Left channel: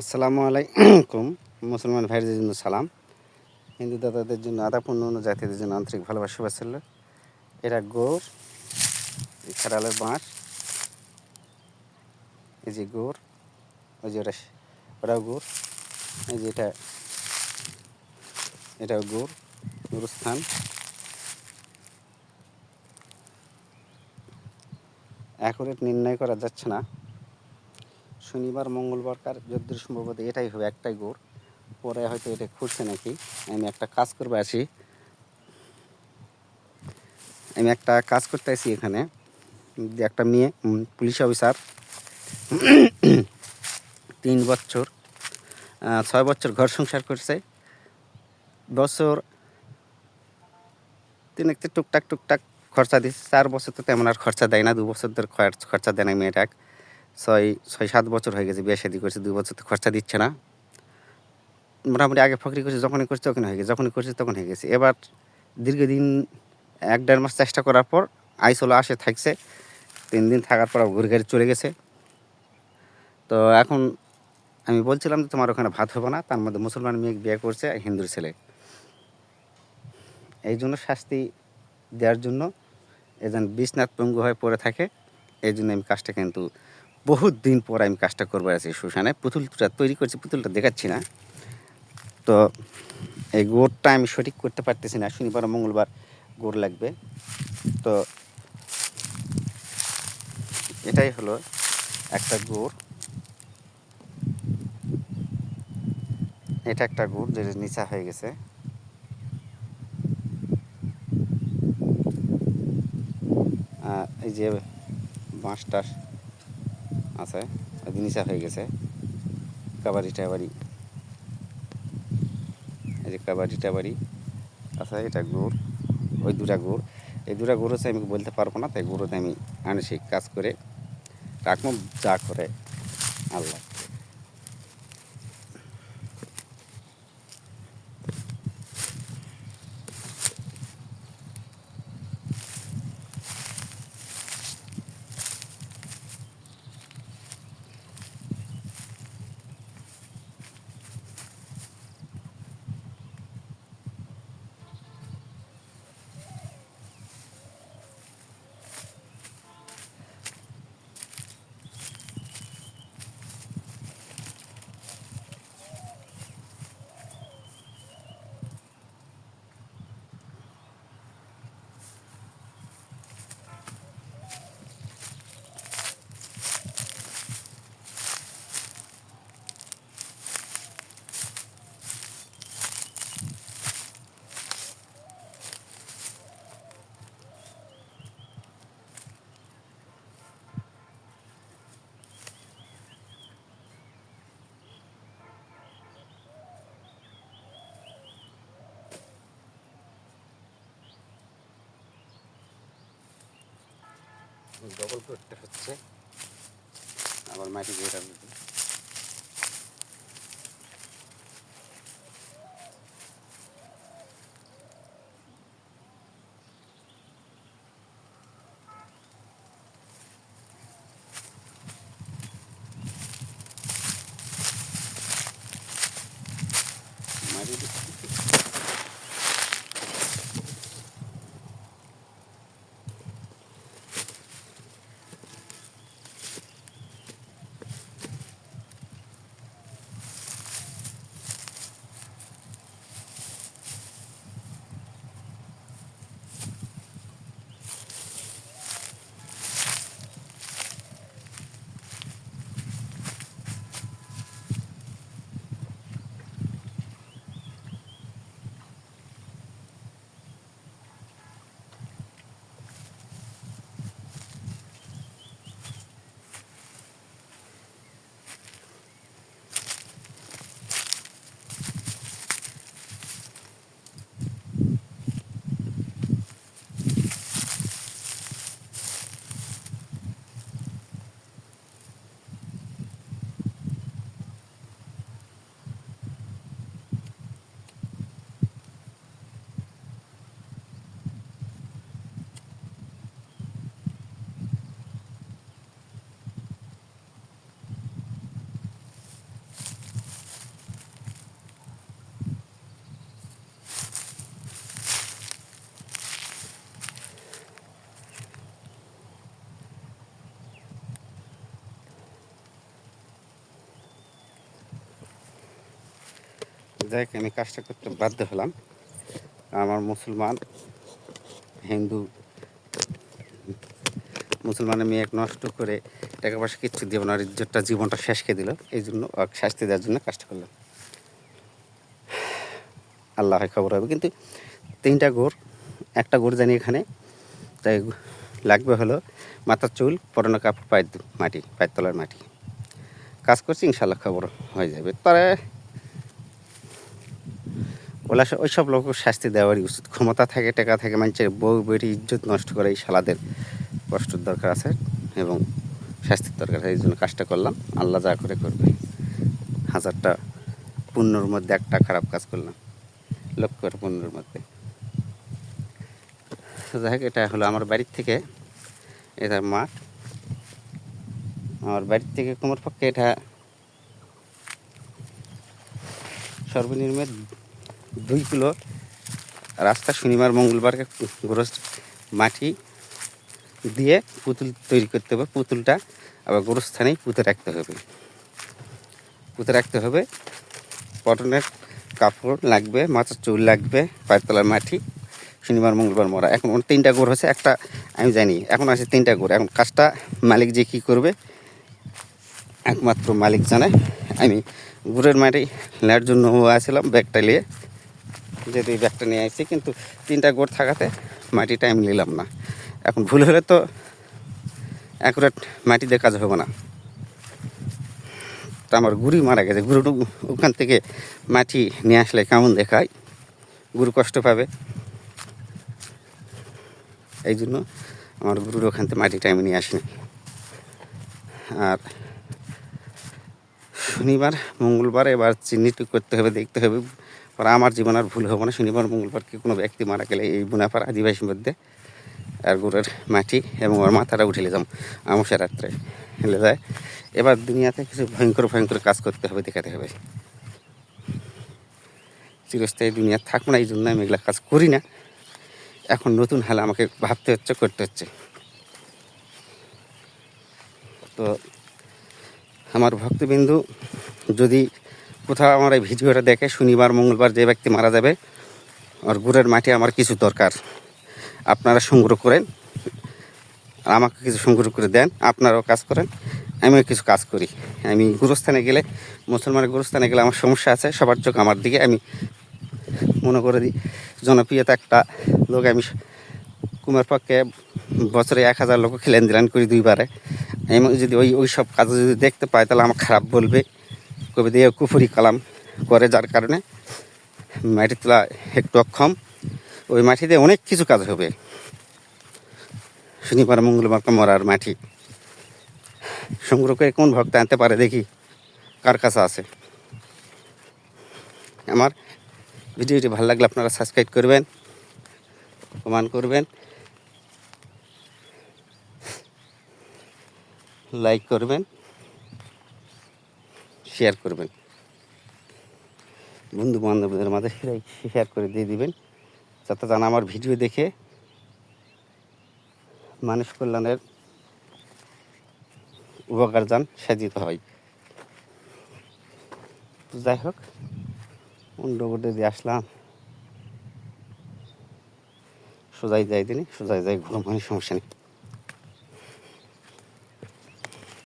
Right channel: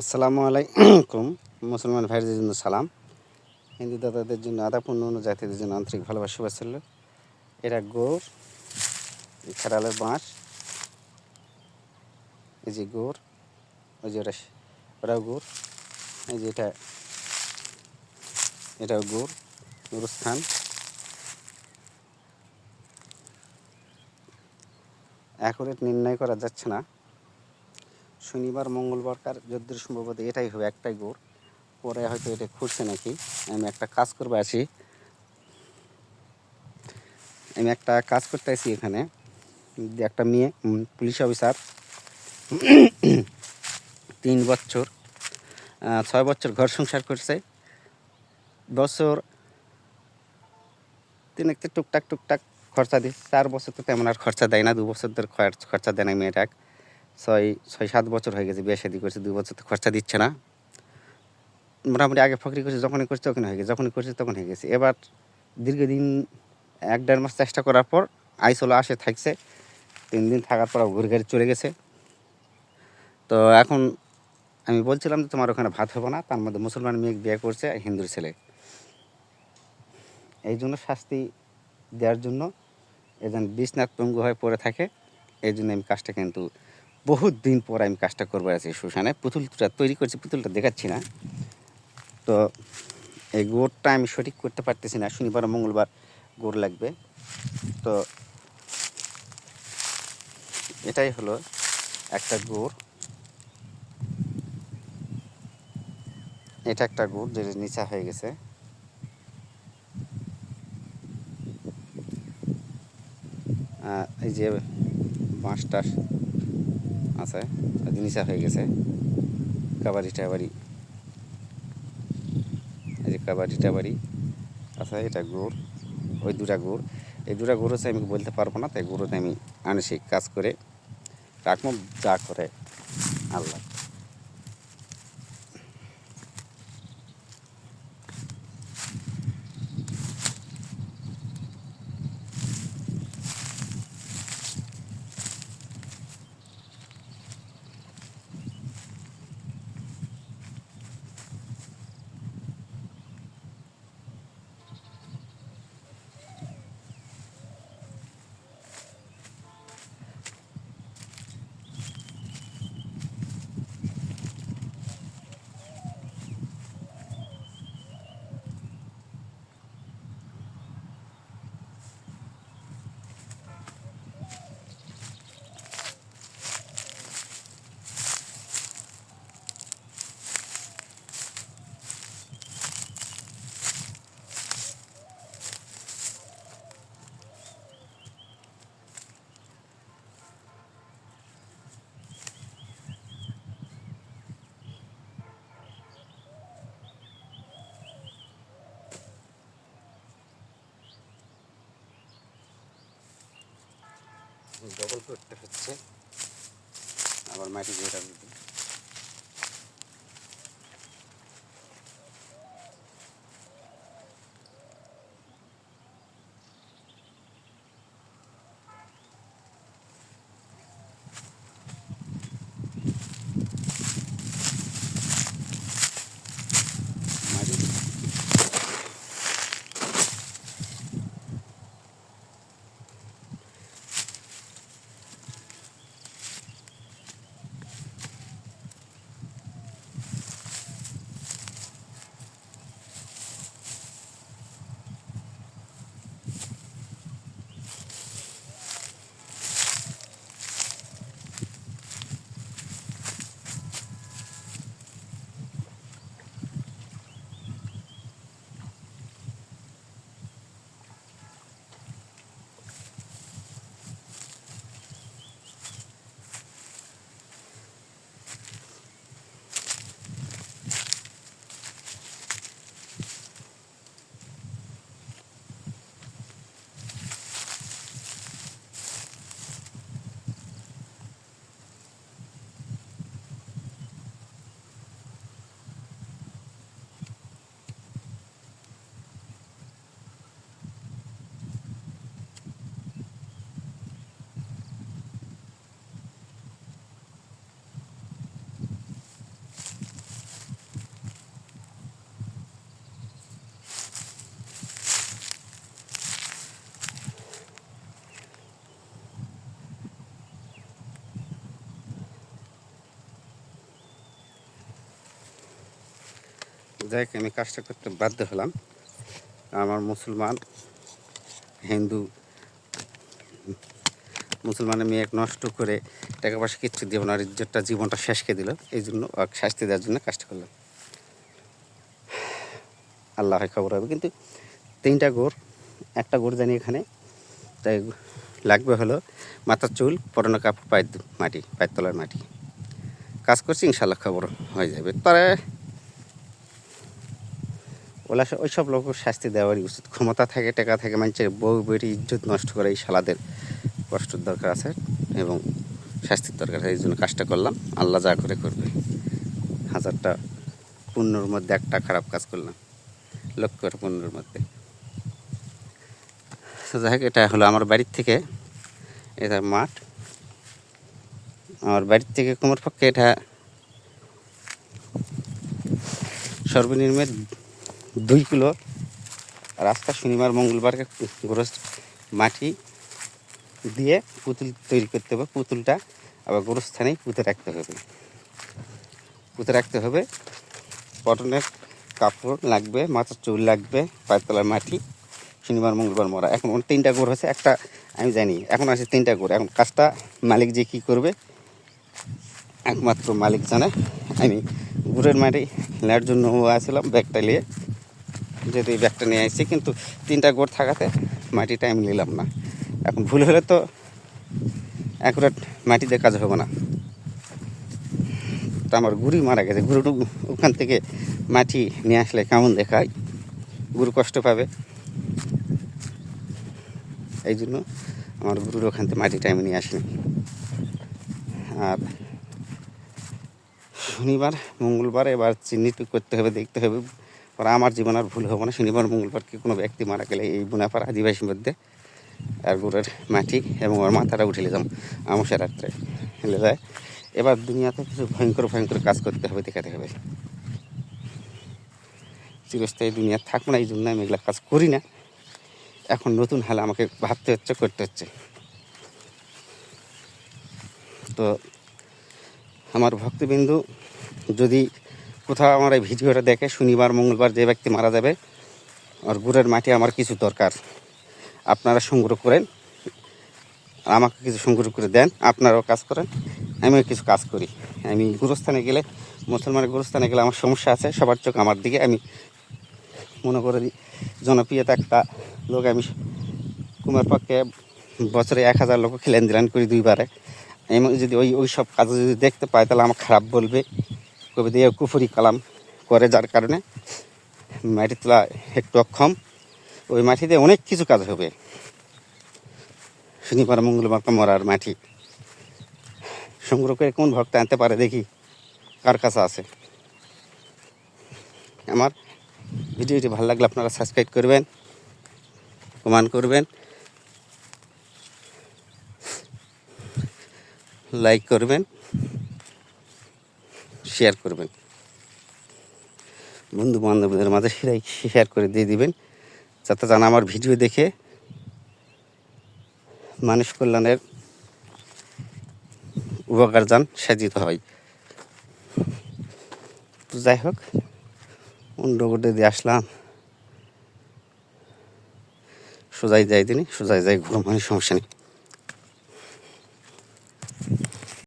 আসসালামু আলাইকুম। মুসলমান ভাইদের জন্য সালাম। হিন্দু দাদাদের জন্য, আদাপূর্ণ অন্য জাতিদের জন্য আন্তরিক ভালোবাসা, শুভেচ্ছা। এরা এই খাড়ালের বাঁশ, এই যে গোর, ওই যে ওটাও গোর, এই যে এটা, এটাও গোর, গোরস্থান। অ্যাকুরেট নির্ণয় করা যাচ্ছে না। শনিবার, মঙ্গলবার, কার যদ্দূর সম্ভবত এটাই হবে একটাই গোড়। পরে হয়তো এটা খুঁজছে নাকি। আমি একটা কাজ করবে আছি। আমি একটা কাজ করতে আছি এখানে। একটা মেয়ে পুলিশ অফিসার। তিন বছর ছয় বছর ঘর সংসার করছে। বছর তিন একটা টুকটাক টুকটাক খরচা দিচ্ছে। চার বছর তো তেমন আর খরচা দেয় না, দু বছর ধরে খরচা দেয় না মেয়েটা ছয় ছয়, সাত বছর হয়ে গেছে, বিয়ে শাদি করছে, দুই বছর তো খরচা দিচ্ছে না। মোটামুটি আগে ফকরি করছে, যখনই করছে তখন হয়ে গেছে, যখনই করছে তখন হয়ে গেছে। এবার দীর্ঘদিন, এক দেড় মাস চেষ্টা করার পর আইসোলো আসে, থাকছে, তিন দিন থাকার পর ঘুরে ঘুরে চলে গেছে। তো এখন আমি বলছিলাম যে তোমার ওখানে ভাত হবে না, তার মধ্যে মুসলমান মেয়ে বিয়ে করছে হিন্দুর ছেলে। এই জন্য শাস্তি দেওয়ার জন্য এজন বিশ্বনাথ পঙ্গু হয়ে পড়ে থাকে, এই জন্য আমি কাজটা কিন্তু বহুত দিন পর আমি কাজটা করব আছি শ্মশানে। পুতুলটা তৈরি করছি, পুতুলটা দেখাচ্ছি না। তো এই গোড়টা আমি সঠিক করতে পারতেছি না। শনিবার মঙ্গলবার গোড় লাগবে। তো এটাই হলো একটা গোড়। এটা একটা গুড় যেটা নিচা হয়ে গেছে। এই যে বাঁশটা আছে নিচা হয়ে গেছে। কাবাডি টাবাড়ি। এই যে কাবাডি টাবাড়ি আছে, এটা গুড়, ওই দুটা গুড়। এই দুটা গুড় হচ্ছে আমি বলতে পারব না, তাই গুঁড়োতে আমি আনসিক কাজ করে রাখব, যা করে। আল্লাহ। ডবল করতে হচ্ছে। আবার মাটি দিয়ে রাখবে মাটি যাই আমি কাজটা করতে বাধ্য হলাম। আমার মুসলমান, হিন্দু, মুসলমানের মেয়ে এক নষ্ট করে টাকা পয়সা কিচ্ছু দিব না ইজ্জতটা জীবনটা শেষ করে দিল। এই জন্য শাস্তি দেওয়ার জন্য কাজটা করলাম। আল্লাহ খবর হবে। কিন্তু তিনটা গোর, একটা গোর জানি এখানে, তাই লাগবে হলো মাথার চুল, পরনো কাপড়, পায়ের মাটি, পায়ের তলার মাটি। কাজ করছি ইনশাল্লাহ খবর হয়ে যাবে। তবে ওলা ওই সব লোক শাস্তি দেওয়ারই উচিত। ক্ষমতা থাকে, টাকা থাকে, মানুষের বউ, বেটি, ইজ্জত নষ্ট করে এই শালাদের কষ্টর দরকার আছে এবং শাস্তির দরকার আছে, এই জন্য কাজটা করলাম। আল্লাহ যা করে করবে। হাজারটা পুণ্যর মধ্যে একটা খারাপ কাজ করলাম, লক্ষ্যের পুণ্যর মধ্যে। তো যাই হোক, এটা হলো আমার বাড়ির থেকে, এটা মাঠ। আমার বাড়ির থেকে কোমর পক্ষে এটা সর্বনিম্ন দুই কিলো রাস্তা শনিবার মঙ্গলবারকে গোরস মাটি দিয়ে পুতুল তৈরি করতে হবে, পুতুলটা আবার গোরস্থানেই পুঁতে রাখতে হবে। পুঁতে রাখতে হবে পটনের কাপড় লাগবে মাথার চুল লাগবে পায়ের মাটি, শনিবার, মঙ্গলবার মরা। এখন তিনটা গোর হচ্ছে একটা আমি জানি, এখন আছে তিনটা গোর। এখন কাজটা মালিক যে কী করবে, একমাত্র মালিক জানে। আমি গুড়ের মাটি নেওয়ার জন্য আসছিলাম ব্যাগটা নিয়ে। এই ব্যাগটা নিয়ে আসছি কিন্তু তিনটা গোড় থাকাতে মাটিটা আমি নিলাম না। এখন ভুল হলে তো অ্যাকুরেট মাটি দিয়ে কাজ হবে না। তা আমার গুড়ি মারা গেছে। গুরুটু ওখান থেকে মাটি নিয়ে আসলে কেমন দেখায়? গুরু কষ্ট পাবে। এই জন্য আমার গুরুর ওখান থেকে মাটিটা আমি নিয়ে আসিনি। আর শনিবার, মঙ্গলবার এবার চিহ্নিত করতে হবে, দেখতে হবে। পরে আমার জীবন আর ভুল হবে না। শনিবার, মঙ্গলবার কি কোনো ব্যক্তি মারা গেলে এই বুনাপাড়া আদিবাসীর মধ্যে আর গুড়ের মাটি এবং ওর মাথাটা উঠে নিলাম আমসা রাত্রে হেলে যায় এবার দুনিয়াতে কিছু ভয়ঙ্কর ভয়ঙ্কর কাজ করতে হবে, দেখাতে হবে। চিরস্থায়ী দুনিয়া থাকব না, এই জন্য আমি এগুলো কাজ করি না। এখন নতুন হালে আমাকে ভাবতে হচ্ছে, করতে হচ্ছে। তো আমার ভক্তবিন্দু যদি কোথাও আমার এই ভিডিওটা দেখে শনিবার, মঙ্গলবার যে ব্যক্তি মারা যাবে, আর গুড়ের মাটি আমার কিছু দরকার, আপনারা সংগ্রহ করেন আমাকে কিছু সংগ্রহ করে দেন, আপনারাও কাজ করেন, আমিও কিছু কাজ করি। আমি গুরুস্থানে গেলে, মুসলমানের গুরুস্থানে গেলে আমার সমস্যা আছে, সবার চোখ আমার দিকে, আমি মনে করে দিই জনপ্রিয়তা একটা লোক, আমি কুমার পক্ষে বছরে এক হাজার লোক খেলেন দিলান করি দুইবারে। আমি যদি ওই ওই সব কাজ যদি দেখতে পাই, তাহলে আমার খারাপ বলবে। কবি দিয়ে কুফুরি কালাম করে, যার কারণে মাটি তোলা একটু অক্ষম। ওই মাটিতে অনেক কিছু কাজ হবে। শনিবার মঙ্গলবার মরার মাটি। সংগ্রহ করে কোন ভক্ত আনতে পারে দেখি, কার কাছে আছে। আমার ভিডিওটি ভালো লাগলে আপনারা সাবস্ক্রাইব করবেন, কমেন্ট করবেন, লাইক করবেন। শেয়ার করবেন। বন্ধু বান্ধবদের মাঝে সেটাই শেয়ার করে দিয়ে দিবেন। যাতে জানা আমার ভিডিও দেখে মানুষ কল্যাণের উপকার যান সাজিত হয়। তো যাই হোক, অন্য দিয়ে আসলাম। সোজাই যাই দিনই সোজাই যাই ঘুরো মানে সমস্যা নেই।